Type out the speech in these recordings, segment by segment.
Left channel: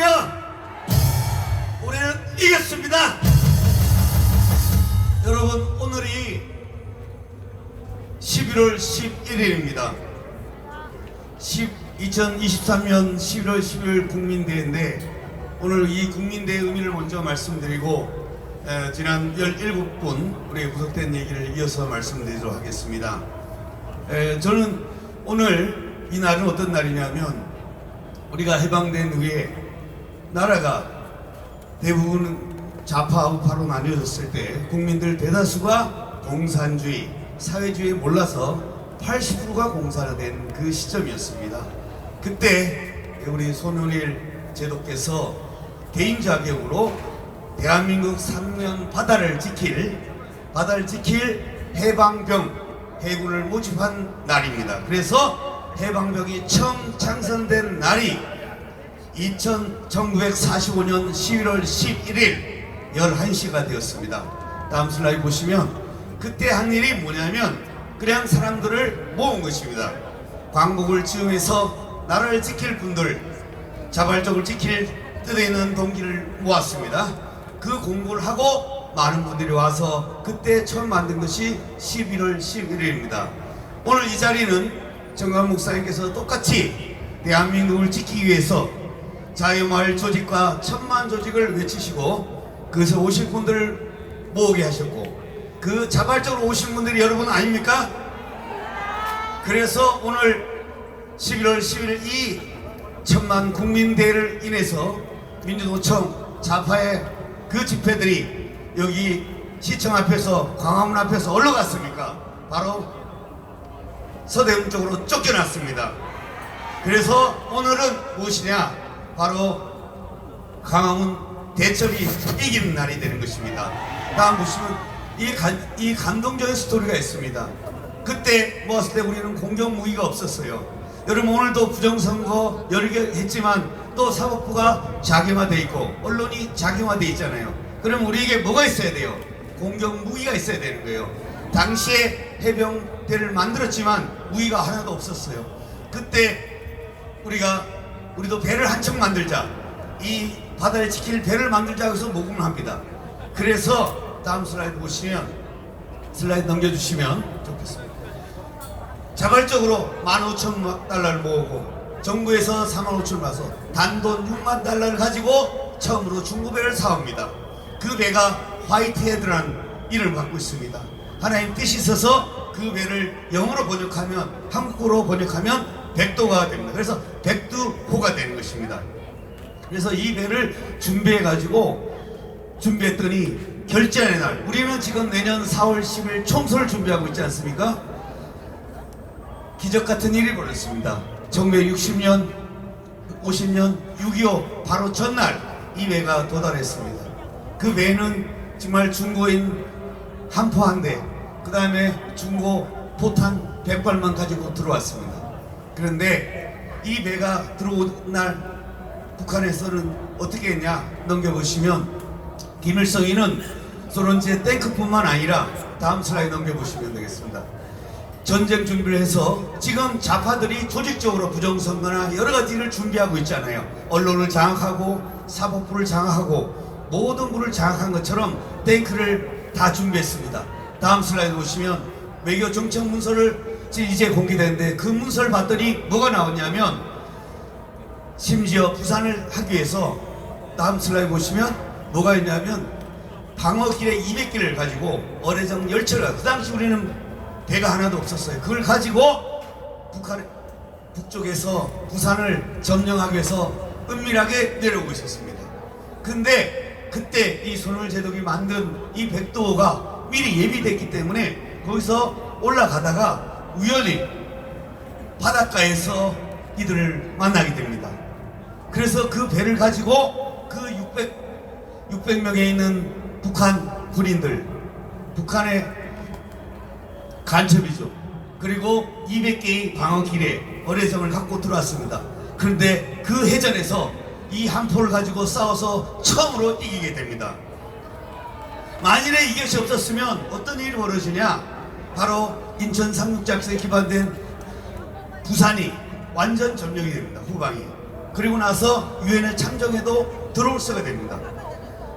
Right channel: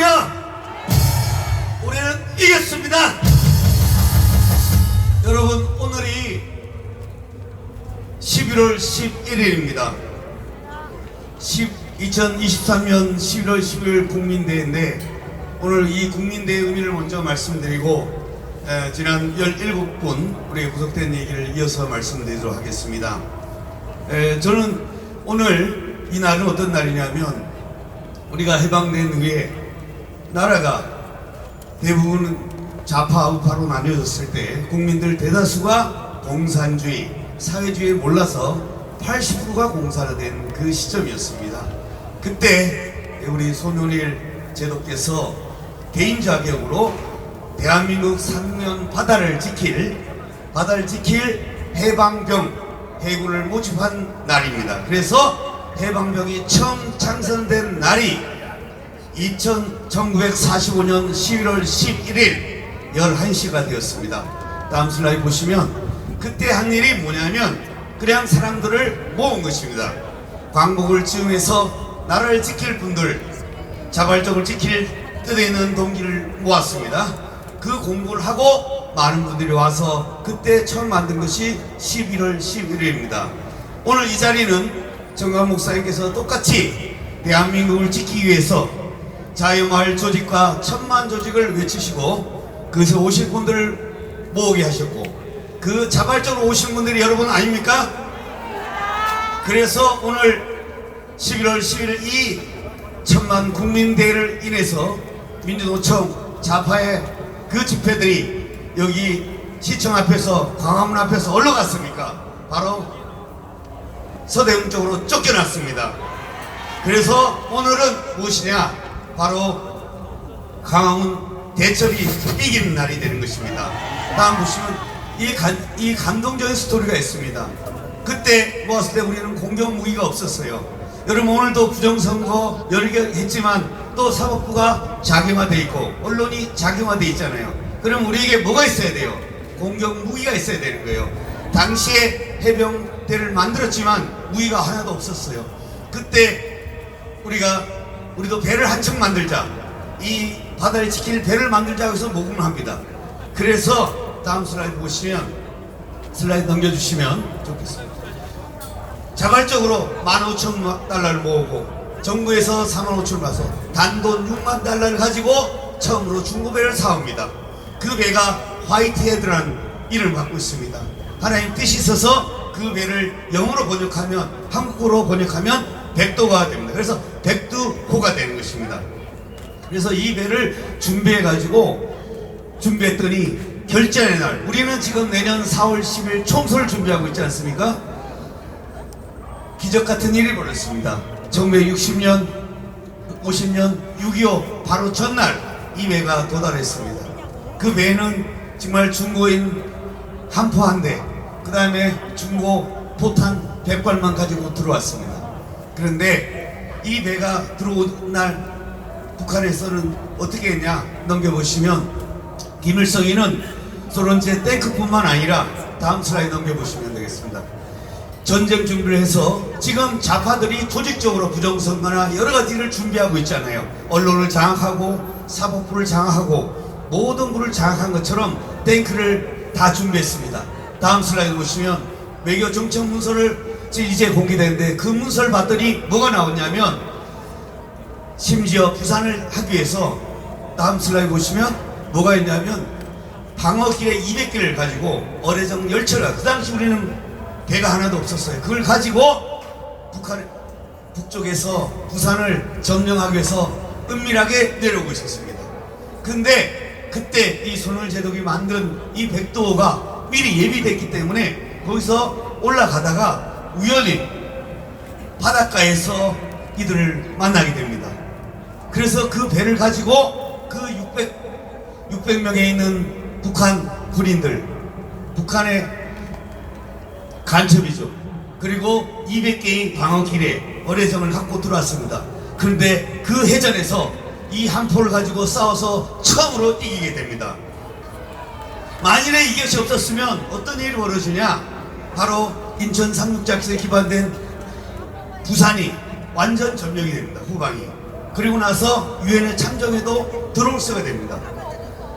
할렐루야! 우리는 이겼습니다. 여러분, 오늘이 11월 11일입니다 2023년 11월 10일 국민대회인데, 오늘 이 국민대회 의미를 먼저 말씀드리고 지난 17분 우리 구속된 얘기를 이어서 말씀드리도록 하겠습니다. 저는 오늘 이 날은 어떤 날이냐면, 우리가 해방된 후에 나라가 대부분 좌파 우파로 나뉘어졌을 때 국민들 대다수가 공산주의, 사회주의에 몰라서 80%가 공사가 된 그 시점이었습니다. 그때 우리 손원일 제도께서 개인 자격으로 대한민국 상면 바다를 지킬 해방병, 해군을 모집한 날입니다. 그래서 해방병이 처음 창설된 날이 1945년 11월 11일 11시가 되었습니다. 다음 슬라이드 보시면 그때 한 일이 뭐냐면, 그냥 사람들을 모은 것입니다. 광복을 즈음해서 나라를 지킬 분들, 자발적으로 지킬 뜻에 있는 동기를 모았습니다. 그 공부를 하고 많은 분들이 와서 그때 처음 만든 것이 11월 11일입니다. 오늘 이 자리는 정강 목사님께서 똑같이 대한민국을 지키기 위해서 자유마을 조직과 천만 조직을 외치시고 그래서 오실 분들을 모으게 하셨고, 그 자발적으로 오신 분들이 여러분 아닙니까? 그래서 오늘 11월 11일 이 천만 국민대회를 인해서 민주노총 좌파의 그 집회들이 여기 시청 앞에서, 광화문 앞에서 어디로 갔습니까? 바로 서대문 쪽으로 쫓겨났습니다. 그래서 오늘은 무엇이냐? 바로 광화문 대첩이 이기는 날이 되는 것입니다. 다음 보시면 이 감동적인 스토리가 있습니다. 그때 모았을 때 우리는 공격 무기가 없었어요. 여러분, 오늘도 부정선거 여러 개 했지만 또 사법부가 자경화되어 있고 언론이 자경화되어 있잖아요. 그럼 우리에게 뭐가 있어야 돼요? 공격 무기가 있어야 되는 거예요. 당시에 해병대를 만들었지만 무기가 하나도 없었어요. 그때 우리도 배를 한 척 만들자, 이 바다를 지킬 배를 만들자 해서 모금을 합니다. 그래서 다음 슬라이드 보시면, 슬라이드 넘겨주시면 좋겠습니다. 자발적으로 15,000달러를 모으고 정부에서 45,000을 받아서 단돈 6만 달러를 가지고 처음으로 중고배를 사옵니다. 그 배가 화이트헤드라는 이름을 갖고 있습니다. 하나님 뜻이 있어서 그 배를 영어로 번역하면, 한국어로 번역하면 백도가 됩니다. 그래서 백두호가 되는 것입니다. 그래서 이 배를 준비했더니 결전의 날, 우리는 지금 내년 4월 10일 총선을 준비하고 있지 않습니까? 기적 같은 일이 벌어졌습니다. 1960년, 50년, 6.25 바로 전날 이 배가 도달했습니다. 그 배는 정말 중고인 함포 한 대, 그 다음에 중고 포탄 100발만 가지고 들어왔습니다. 그런데 이 배가 들어온 날 북한에서는 어떻게 했냐 넘겨보시면, 김일성이는 소련제 탱크뿐만 아니라, 다음 슬라이드 넘겨보시면 되겠습니다. 전쟁 준비를 해서 지금 좌파들이 조직적으로 부정선거나 여러 가지 일을 준비하고 있잖아요. 언론을 장악하고 사법부를 장악하고 모든 부를 장악한 것처럼 탱크를 다 준비했습니다. 다음 슬라이드 보시면 외교 정책 문서를 이제 공개되는데, 그 문서를 봤더니 뭐가 나오냐면, 심지어 부산을 하기 위해서, 다음 슬라이드 보시면 뭐가 있냐면, 방어기뢰 200개를 가지고 어뢰정 열차가, 그 당시 우리는 배가 하나도 없었어요. 그걸 가지고 북쪽에서 부산을 점령하기 위해서 은밀하게 내려오고 있었습니다. 근데 그때 이 손원일 제독이 만든 이 백도호가 미리 예비됐기 때문에 거기서 올라가다가 우연히 바닷가에서 이들을 만나게 됩니다. 그래서 그 배를 가지고 그 600명에 있는 북한 군인들, 북한의 간첩이죠. 그리고 200개의 방어기뢰, 어뢰정을 갖고 들어왔습니다. 그런데 그 해전에서 이 함포를 가지고 싸워서 처음으로 이기게 됩니다. 만일에 이것이 없었으면 어떤 일이 벌어지냐? 바로 인천 상륙작전에 기반된 부산이 완전 점령이 됩니다. 후방이. 그리고 나서 유엔에 참정해도 들어올 수가 됩니다.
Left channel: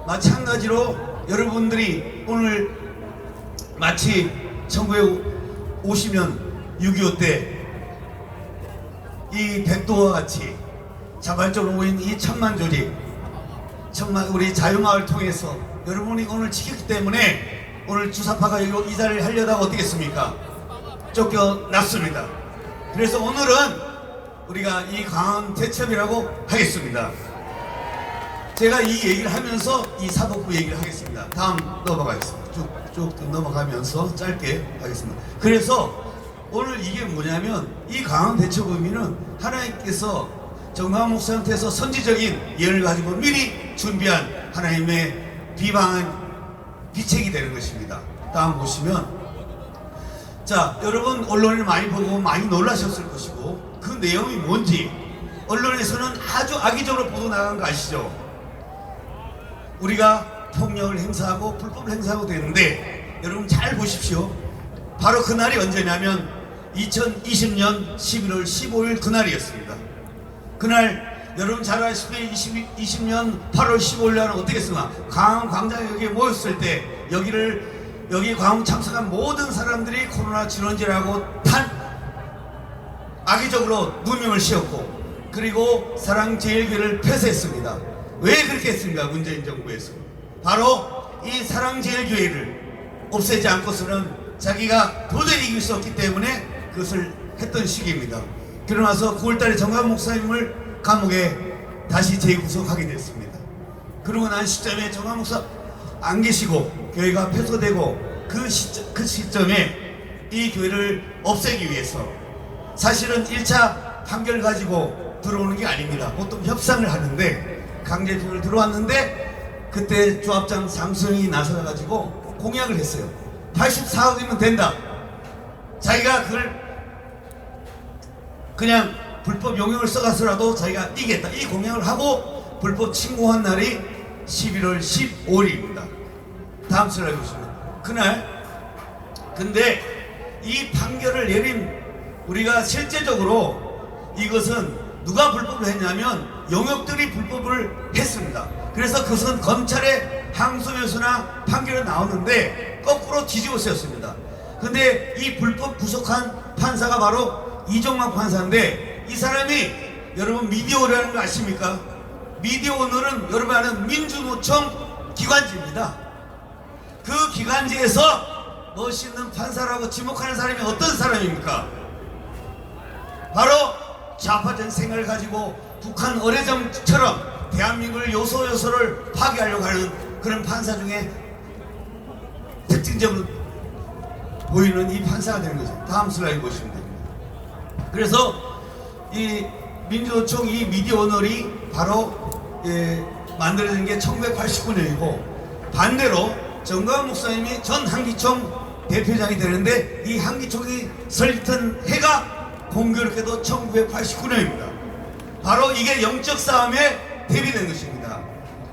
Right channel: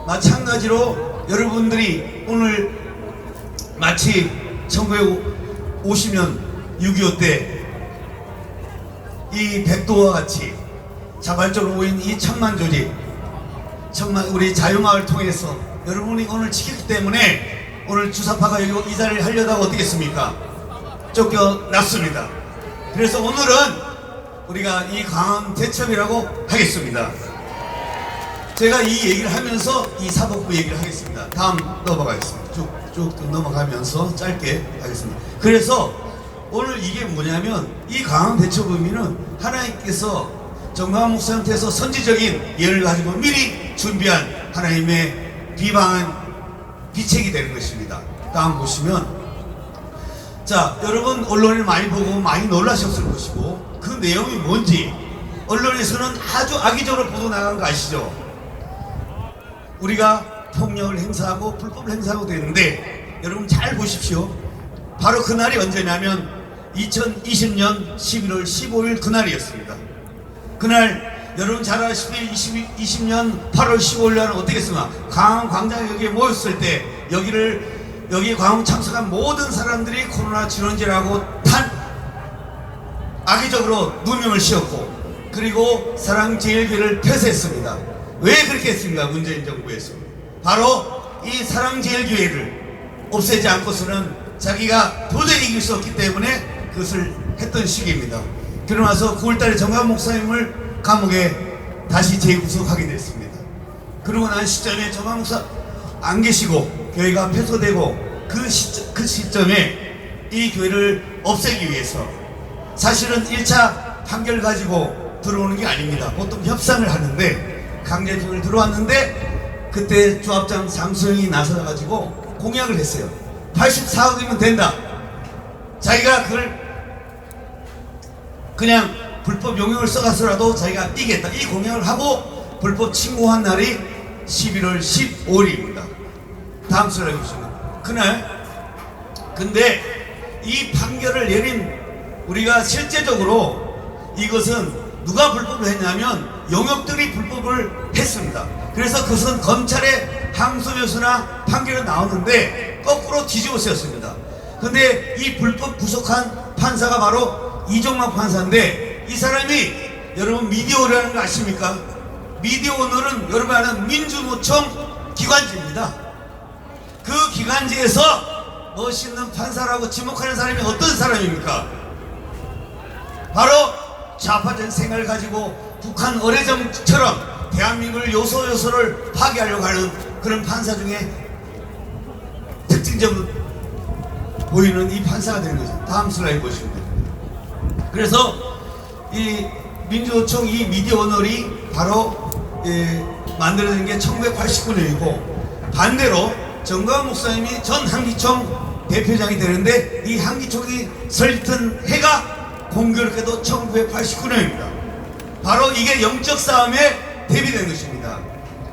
마찬가지로 여러분들이 오늘 마치 1950년 6.25 때 이 백도와 같이 자발적으로 모인 이 천만 조직, 우리 자유마을 통해서 여러분이 오늘 지켰기 때문에 오늘 주사파가 여기 이 자리를 하려다가 어떻겠습니까? 쫓겨났습니다. 그래서 오늘은 우리가 이 강한 대첩이라고 하겠습니다. 제가 이 얘기를 하면서 이 사법부 얘기를 하겠습니다. 다음 넘어가겠습니다. 쭉 넘어가면서 짧게 하겠습니다. 그래서 오늘 이게 뭐냐면 이 강한 대첩 의미는 하나님께서 정광훈 목사님께서 선지적인 예를 가지고 미리 준비한 하나님의 비방한 기책이 되는 것입니다. 다음 보시면, 자, 여러분 언론을 많이 보고 많이 놀라셨을 것이고 그 내용이 뭔지 언론에서는 아주 악의적으로 보도 나가는 거 아시죠? 우리가 폭력을 행사하고 불법을 행사하고 되는데 여러분 잘 보십시오. 바로 그날이 언제냐면 2020년 11월 15일 그날이었습니다. 그날 여러분 잘 아시다시피 20년 8월 15일 날은 어떻게 했습니까? 광화문 광장에 여기에 모였을 때 여기 광화문 참석한 모든 사람들이 코로나 진원제라고 악의적으로 누명을 씌웠고 그리고 사랑제일교회를 폐쇄했습니다. 왜 그렇게 했습니까? 문재인 정부에서 바로 이 사랑제일교회를 없애지 않고서는 자기가 도저히 이길 수 없기 때문에 그것을 했던 시기입니다. 그러고 나서 9월달에 정광훈 목사님을 감옥에 다시 재구속하게 됐습니다. 그러고 난 시점에 정광훈 목사 안 계시고 교회가 폐소되고 그 시점에 이 교회를 없애기 위해서 사실은 1차 판결 가지고 들어오는 게 아닙니다. 보통 협상을 하는데 강제징을 들어왔는데 그때 조합장 장소영이 나서가지고 공약을 했어요. 84억이면 된다. 자기가 그걸 그냥 불법 용역을 써가서라도 자기가 이기겠다. 이 공약을 하고 불법 침공한 날이 11월 15일입니다. 다음 슬라이드 보시면 그날 근데 이 판결을 내린 우리가 실제적으로 이것은 누가 불법을 했냐면 용역들이 불법을 했습니다. 그래서 그것은 검찰의 항소여부나 판결이 나오는데 거꾸로 뒤집어 쓰였습니다. 근데 이 불법 구속한 판사가 바로 이종만 판사인데 이 사람이 여러분 미디어오너라는 거 아십니까? 미디어오너는 여러분 아는 민주노총 기관지입니다. 그 기관지에서 멋있는 판사라고 지목하는 사람이 어떤 사람입니까? 바로 좌파적 생각을 가지고 북한 어뢰정처럼 대한민국을 요소요소를 파괴하려고 하는 그런 판사 중에 특징적으로 보이는 이 판사가 되는 거죠. 다음 슬라이드 보시면 됩니다. 그래서 이 민주노총 이 미디어오너리 바로 만들어진 게 1989년이고 반대로 정광훈 목사님이 전 한기총 대표장이 되는데 이 한기총이 설립된 해가 공교롭게도 1989년입니다. 바로 이게 영적 싸움에 대비된 것입니다.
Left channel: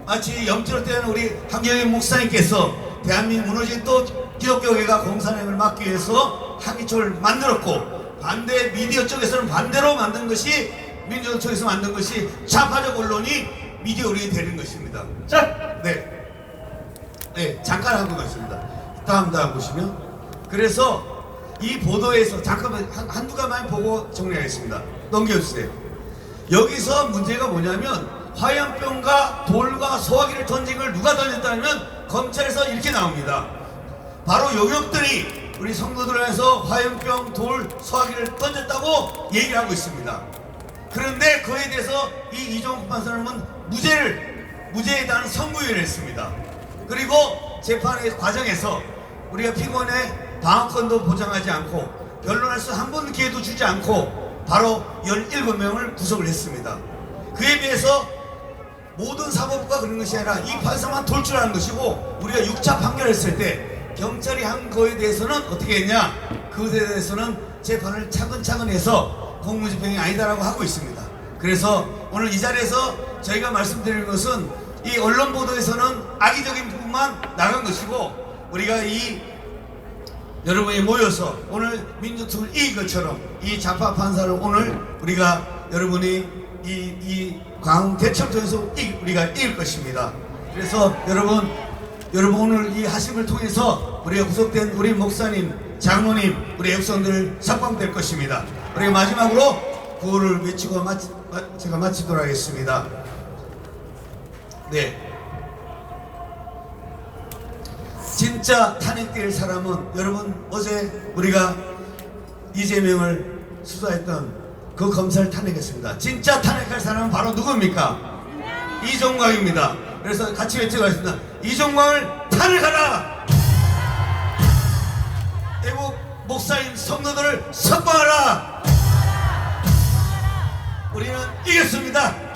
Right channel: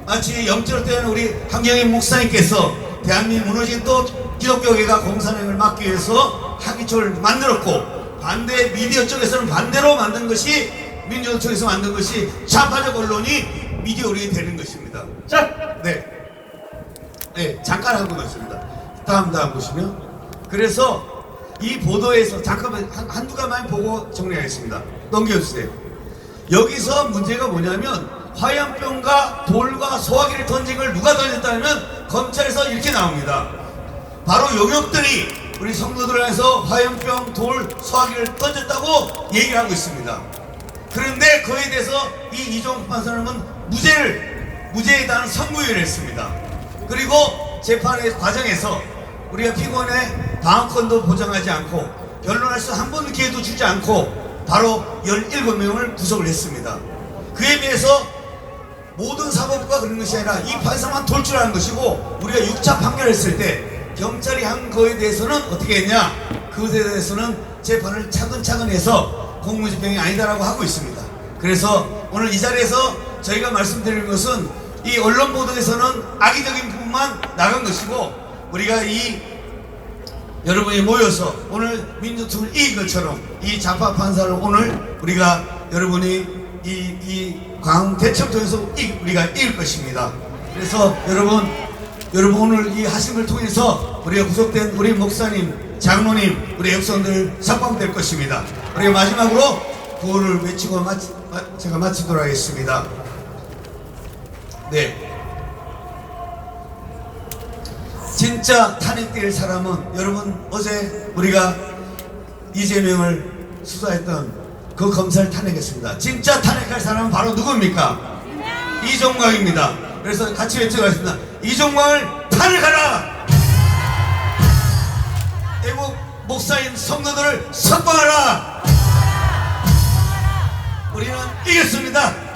마치 영적 때는 우리 한경희 목사님께서 대한민국 무너진 또 기독교회가 공산행을 막기 위해서 한기총을 만들었고 반대 미디어 쪽에서는 반대로 만든 것이 민주노총 쪽에서 만든 것이 좌파적 언론이 미디어로 되는 것입니다. 자, 네, 잠깐 하고 있습니다. 다음 보시면 그래서 이 보도에서 잠깐만 한두 가지만 보고 정리하겠습니다. 넘겨주세요. 여기서 문제가 뭐냐면 화염병과 돌과 소화기를 던진 걸 누가 던졌다면 검찰에서 이렇게 나옵니다. 바로 용역들이 우리 성도들을 해서 화염병, 돌, 소화기를 던졌다고 얘기를 하고 있습니다. 그런데 그에 대해서 이 이종국 판사는 무죄에 대한 선고유예를 했습니다. 그리고 재판의 과정에서 우리가 피고인의 방어권도 보장하지 않고 변론할 수 한 번 기회도 주지 않고 바로 17명을 구속을 했습니다. 그에 비해서 모든 사법부가 그런 것이 아니라 이 판사만 돌출하는 것이고 우리가 6차 판결했을 때 경찰이 한 거에 대해서는 어떻게 했냐? 그것에 대해서는 재판을 차근차근 해서 공무집행이 아니다라고 하고 있습니다. 그래서 오늘 이 자리에서 저희가 말씀드리는 것은 이 언론 보도에서는 악의적인 부분만 나간 것이고 우리가 이 여러분이 모여서 오늘 민주투를 이긴 것처럼 이 좌파 판사를 오늘 우리가 여러분이 이 광화문 대첩 전에서 우리가 이길 것입니다. 그래서 여러분 오늘 이 하심을 통해서 우리가 구속된 우리 목사님, 장로님, 우리 백성들 석방될 것입니다. 우리가 마지막으로 구호를 외치고 제가 마치도록 하겠습니다. 네. 진짜 탄핵될 사람은 여러분 어제 우리가 이재명을 수사했던 그 검사를 탄핵했습니다. 진짜 탄핵할 사람은 바로 누굽니까? 이종광입니다. 그래서 같이 외쳐가겠습니다. 이종광을 탄핵하라! 애국 목사인 성도들을 석방하라! 우리는 이겼습니다.